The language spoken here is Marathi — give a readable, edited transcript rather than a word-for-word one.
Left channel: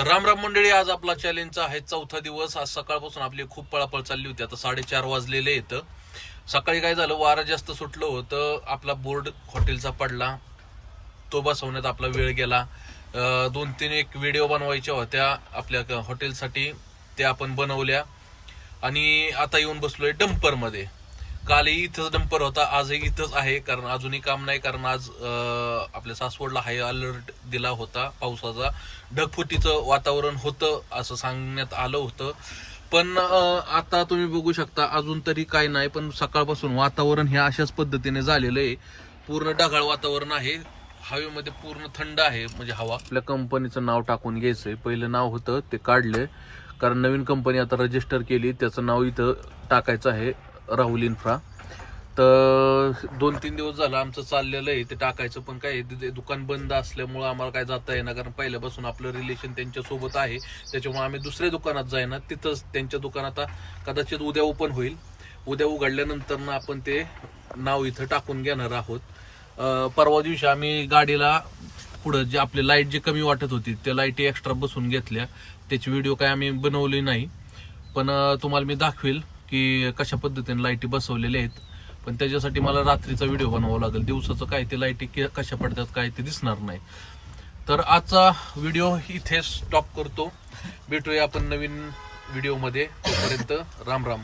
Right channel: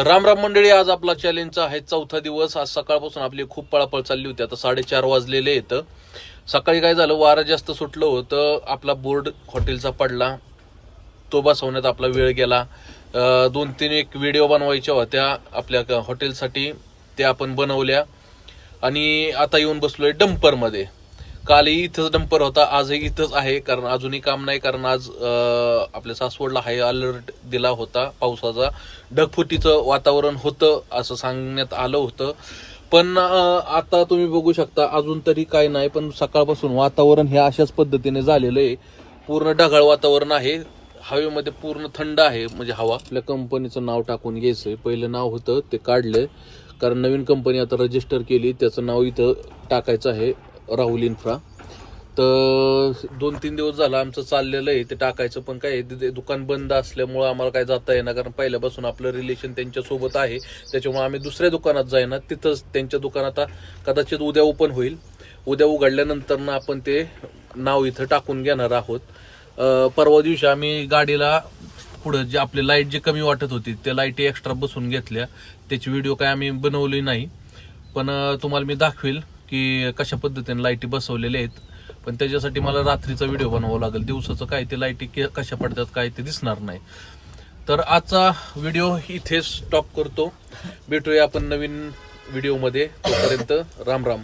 तर राम राम मंडळी, आज आपला चॅलेंजचा आहे चौथा दिवस। आज सकाळपासून आपली खूप पळापळ चालली होती। आता 4:30 वाजलेले आहेत। सकाळी काय झालं, वारं जास्त सुटलं होतं, आपला बोर्ड हॉटेलचा पडला, तो बसवण्यात आपला वेळ गेला। 2-3 एक व्हिडिओ बनवायच्या होत्या आपल्या हॉटेलसाठी, त्या आपण बनवल्या आणि आता येऊन बसलोय डंपरमध्ये। कालही इथंच डंपर होता, आजही इथंच आहे, कारण अजूनही काम नाही, कारण आज आपल्या सासवडला हाय अलर्ट दिला होता पावसाचा। ढगफुटीचं वातावरण होतं असं सांगण्यात आलं होतं, पण आता तुम्ही बघू शकता अजून तरी काय नाही, पण सकाळपासून वातावरण हे अशाच पद्धतीने झालेलं आहे। पूर्ण ढगाळ वातावरण आहे, हवेमध्ये पूर्ण थंड आहे, म्हणजे हवा। आपल्या कंपनीचं नाव टाकून घ्यायचंय, पहिलं नाव होतं ते काढलंय, कारण नवीन कंपनी आता रजिस्टर केली, त्याचं नाव इथं टाकायचं आहे, राहुल इन्फ्रा। तर 2-3 दिवस झालं आमचं चाललेलं आहे ते टाकायचं, पण काय दुकान बंद असल्यामुळं आम्हाला काय जाता येईना, कारण पहिल्यापासून आपलं रिलेशन त्यांच्यासोबत आहे, त्याच्यामुळे आम्ही दुसऱ्या दुकानात जाईना, तिथंच त्यांच्या दुकानात कदाचित उद्या ओपन होईल। उद्या उघडल्यानंतर ना आपण ते नाव इथं टाकून घेणार आहोत। परवा दिवशी आम्ही गाडीला पुढं जे आपले लाईट जे कमी वाटत होती त्या लाईटी एक्स्ट्रा बसून घेतल्या, त्याची व्हिडिओ काय आम्ही बनवली नाही, पण तुम्हाला मी दाखवेल की कशा पद्धतीने लाईटी बसवलेल्या आहेत। पण त्याच्यासाठी मला रात्रीचा व्हिडिओ बनवावा लागेल, दिवसाचं काय ते लाईटी कशा पडतात काय ते दिसणार नाही। तर आजचा व्हिडिओ इथेच स्टॉप करतो, भेटूया आपण नवीन व्हिडिओमध्ये, तोपर्यंत राम राम।